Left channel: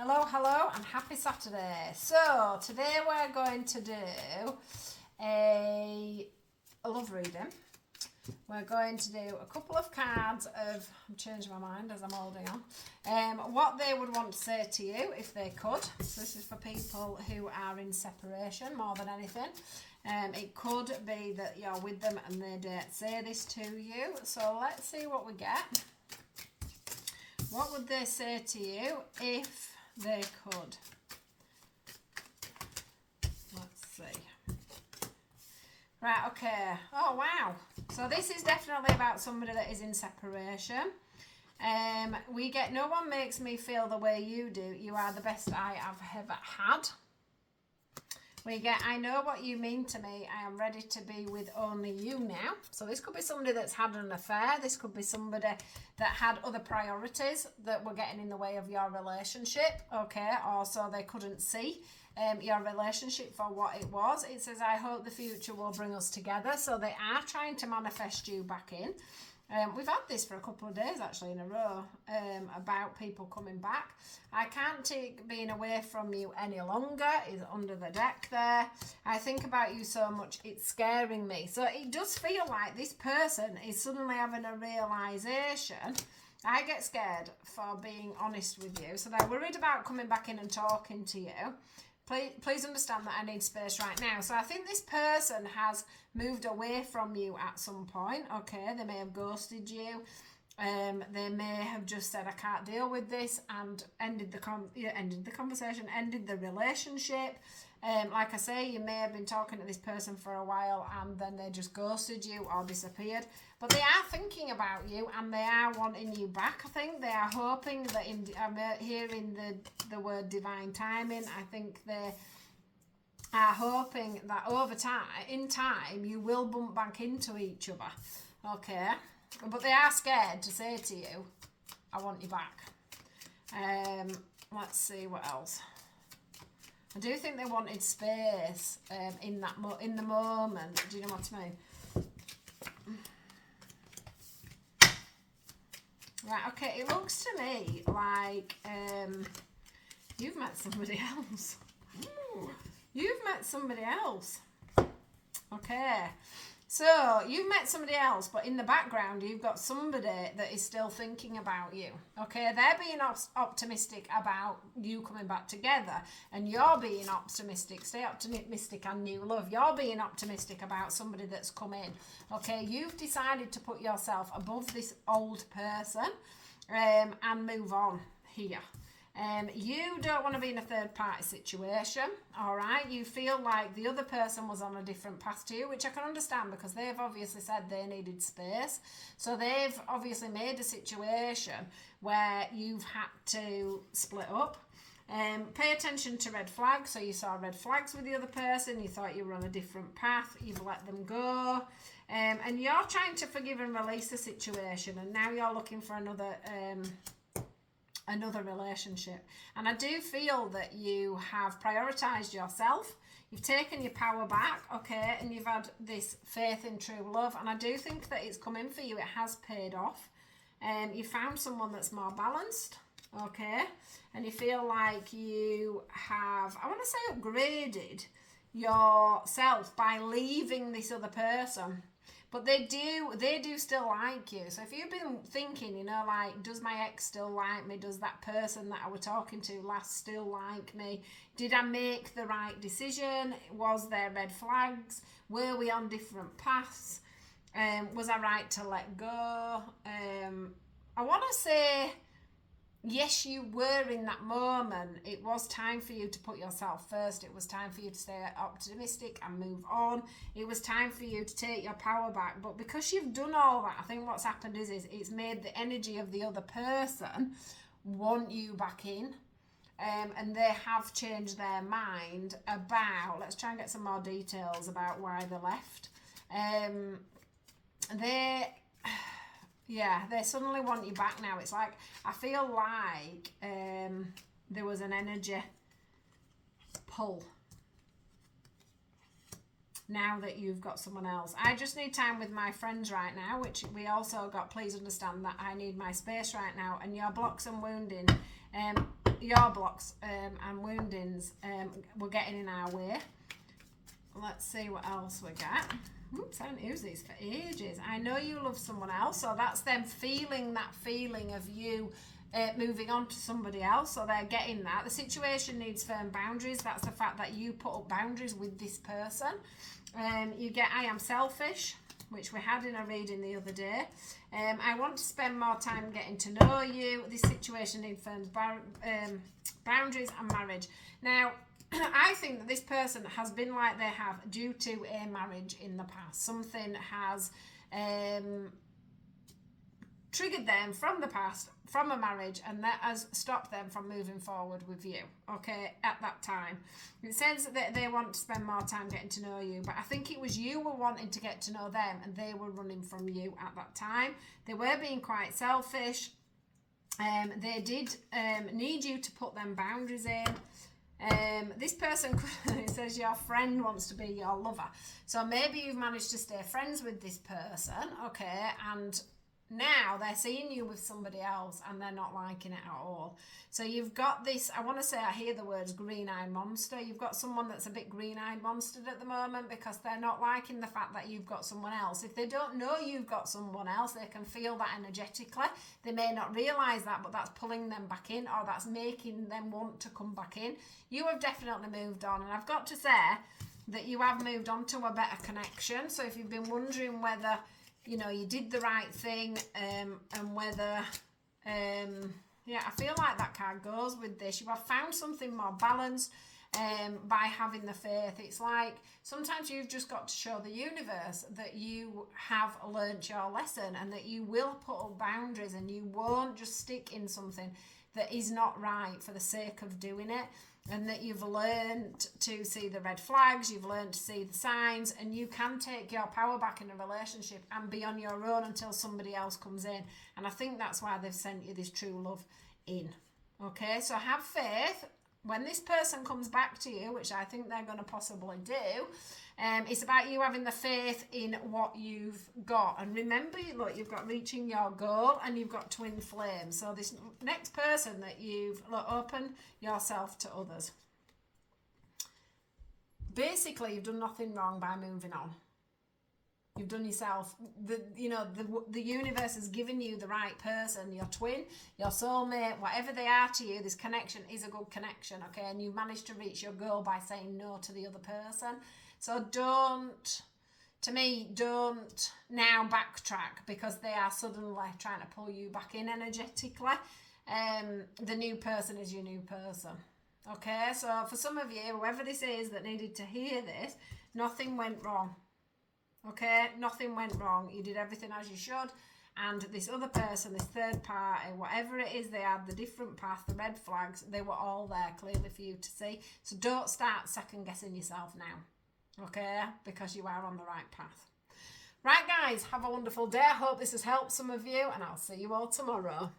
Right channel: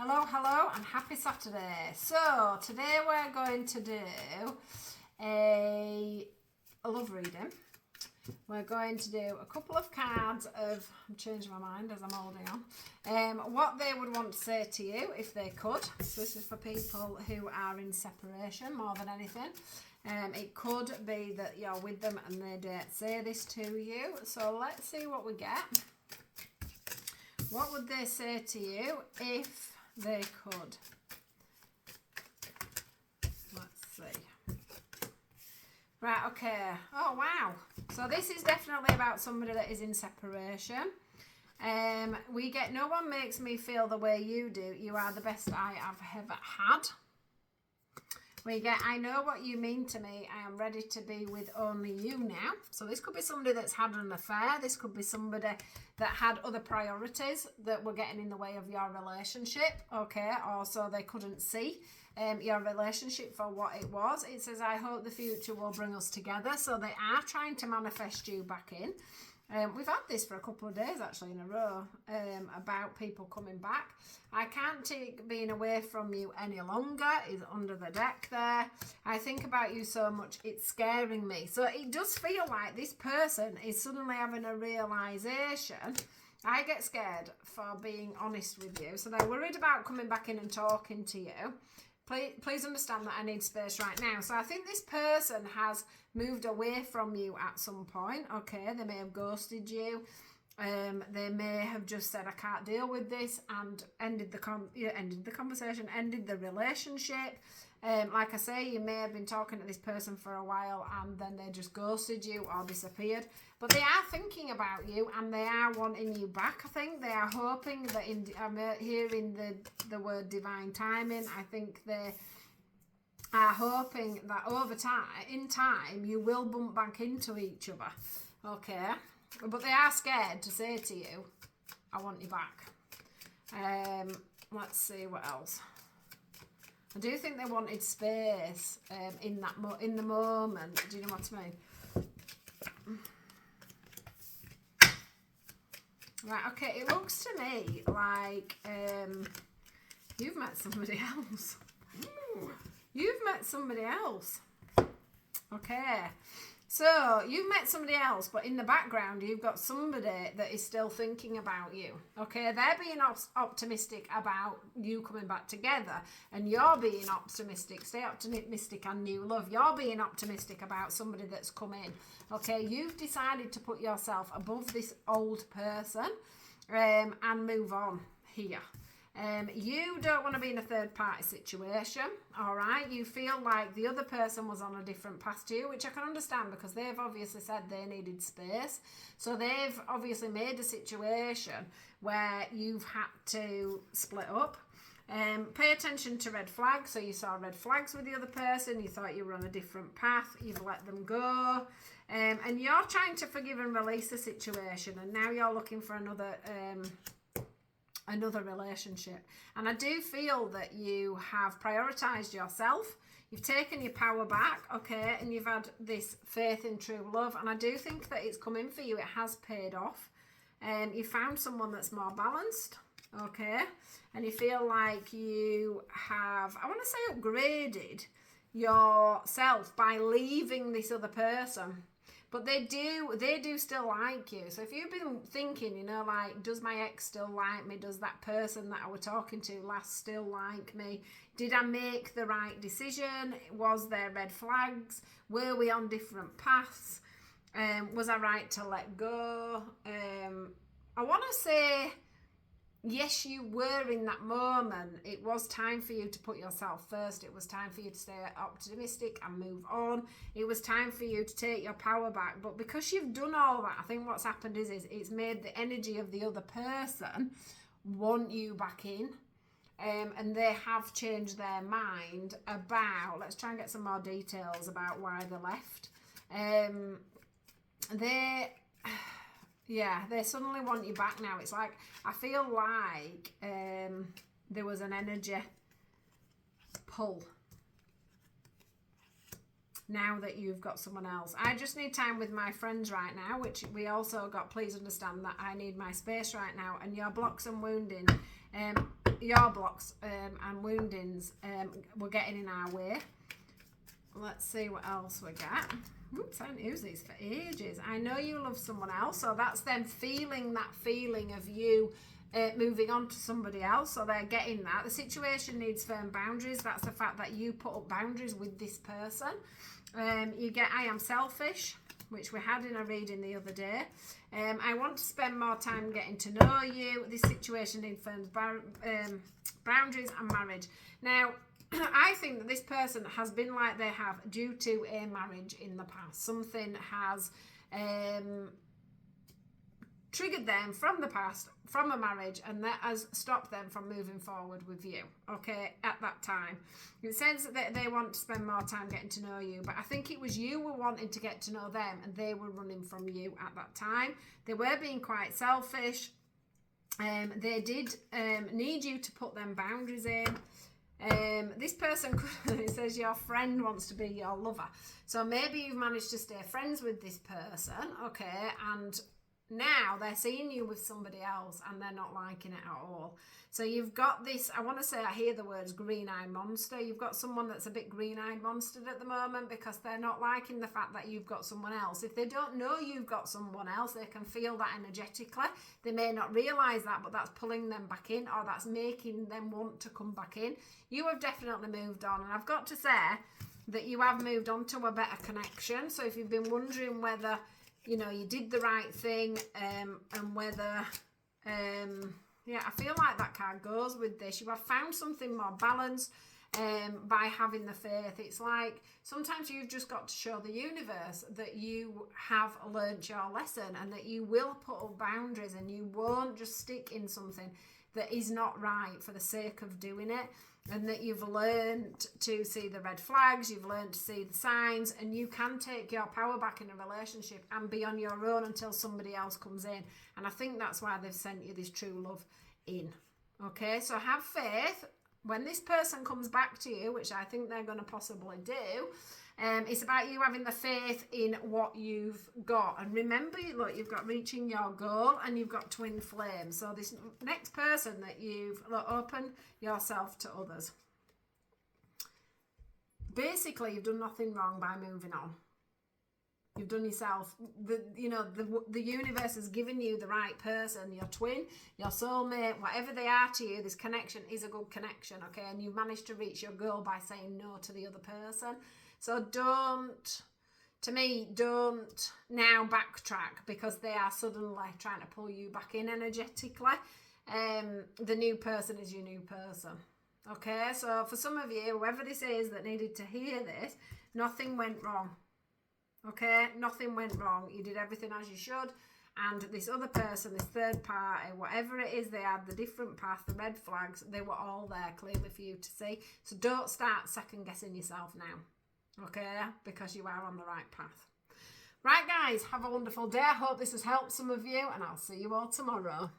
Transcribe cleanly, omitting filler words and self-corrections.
Hello, and happy Saturday. So, today we're going to do a love reading. We're going to do a couple of cards of, I'm changing my mind as I'm holding on, what they would want to say to you if they could. So this is for people who are in separation more than anything. It could be that you're with them and they don't say this to you. So let's see what we get. What would they say to you if they could? Let's see. Right, okay. Oh, wow. So this is definitely about somebody that is in separation. We get, no one makes me feel the way you do. You are the best I have ever had. We get, I know what you mean to me. I am ready to be with only you now. So this could be somebody that's had an affair. This could be somebody that had other priorities that were getting in the way of your relationship. Okay, or so they couldn't see your relationship for what it was. It says, I hope the future will bring us together. So they are trying to manifest you back in. We've had this for a couple of days actually in a row about people coming back. I can't take being away from you any longer is under the deck there. I think about you so much, it's scaring me. So it does feel like this person is suddenly having a realisation. I get scared for being honest with you. So they're worried about coming back in and talking to you. Please understand that I need space right now. So I think this person has moved away from you at some point. Okay, they may have ghosted you. They may have just said, I can't deal with this, and ended the conversation, ended the relationship. Like I say, you may have been talking to this person for a while and then they just ghosted you or disappeared. But they are thinking about you and they are wanting you back. I think they are hoping that, I'm hearing the word divine timing. I think they are hoping that in time, you will bump back into each other. Okay? But they are scared to say to you, I want you back. Let's see what else. I do think they wanted space in the moment. Do you know what I mean? Right, okay, it looks to me like you've met somebody else. Ooh, you've met somebody else. Okay. So, you've met somebody else, but in the background, you've got somebody that is still thinking about you. Okay, they're being optimistic about you coming back together, and you're being optimistic. Stay optimistic and new love. You're being optimistic about somebody that's come in. Okay, you've decided to put yourself above this old person and move on here. You don't want to be in a third party situation, all right? You feel like the other person was on a different path to you, which I can understand because they've obviously said they needed space. So they've obviously made a situation where you've had to split up. Pay attention to red flags. So you saw red flags with the other person. You thought you were on a different path. You've let them go. And you're trying to forgive and release the situation. And now you're looking for another relationship. And I do feel that you have prioritized yourself. You've taken your power back, okay, and you've had this faith in true love. And I do think that it's coming for you. It has paid off. You found someone that's more balanced, okay, and you feel like you have, I want to say, upgraded yourself by leaving this other person. But they do still like you. So if you've been thinking, you know, like, does my ex still like me? Does that person that I was talking to last still like me? Did I make the right decision? Was there red flags? Were we on different paths? Was I right to let go? I want to say, yes, you were in that moment. It was time for you to put yourself first. It was time for you to stay optimistic and move on. It was time for you to take your power back. But because you've done all that, I think what's happened is it's made the energy of the other person want you back in. And they have changed their mind about, let's try and get some more details about why they left. They suddenly want you back now. It's like, I feel like there was an energy pull now that you've got someone else. I just need time with my friends right now, which we also got. Please understand that I need my space right now. And your blocks and wounding, your blocks and woundings were getting in our way. Let's see what else we get. Oops, I haven't used these for ages. I know you love someone else, so that's them feeling that feeling of you moving on to somebody else, so they're getting that. The situation needs firm boundaries. That's the fact that you put up boundaries with this person. You get I am selfish, which we had in a reading the other day. I want to spend more time getting to know you. This situation needs firm boundaries and marriage. Now, I think that this person has been like they have due to a marriage in the past. Something has triggered them from the past, from a marriage, and that has stopped them from moving forward with you, okay, at that time. It says that they want to spend more time getting to know you, but I think it was you were wanting to get to know them and they were running from you at that time. They were being quite selfish. They did need you to put them boundaries in. This person, it says your friend wants to be your lover. So maybe you've managed to stay friends with this person, okay, and now they're seeing you with somebody else and they're not liking it at all. So you've got this, I want to say, I hear the words green-eyed monster. You've got someone that's a bit green-eyed monstered at the moment because they're not liking the fact that you've got someone else. If they don't know you've got someone else, they can feel that energetically. They may not realise that, but that's pulling them back in, or that's making them want to come back in. You have definitely moved on, and I've got to say that you have moved on to a better connection. So if you've been wondering whether, you know, you did the right thing, and whether, yeah, I feel like that card goes with this. You have found something more balanced by having the faith. It's like sometimes you've just got to show the universe that you have learnt your lesson and that you will put up boundaries and you won't just stick in something that is not right for the sake of doing it. And that you've learned to see the red flags, you've learned to see the signs, and you can take your power back in a relationship and be on your own until somebody else comes in. And I think that's why they've sent you this true love in. Okay, so have faith. When this person comes back to you, which I think they're going to possibly do, it's about you having the faith in what you've got. And remember, look, you've got reaching your goal and you've got twin flames. So this next person that you've opened yourself to others. Basically, you've done nothing wrong by moving on. You've done yourself, the universe has given you the right person, your twin, your soulmate, whatever they are to you. This connection is a good connection, okay? And you've managed to reach your goal by saying no to the other person. So don't now backtrack because they are suddenly trying to pull you back in energetically. The new person is your new person. Okay, so for some of you, whoever this is that needed to hear this, nothing went wrong. Okay, nothing went wrong. You did everything as you should. And this other person, this third party, whatever it is they had, the different path, the red flags, they were all there clearly for you to see. So don't start second guessing yourself now. Okay, because you are on the right path. Right, guys, have a wonderful day. I hope this has helped some of you, and I'll see you all tomorrow.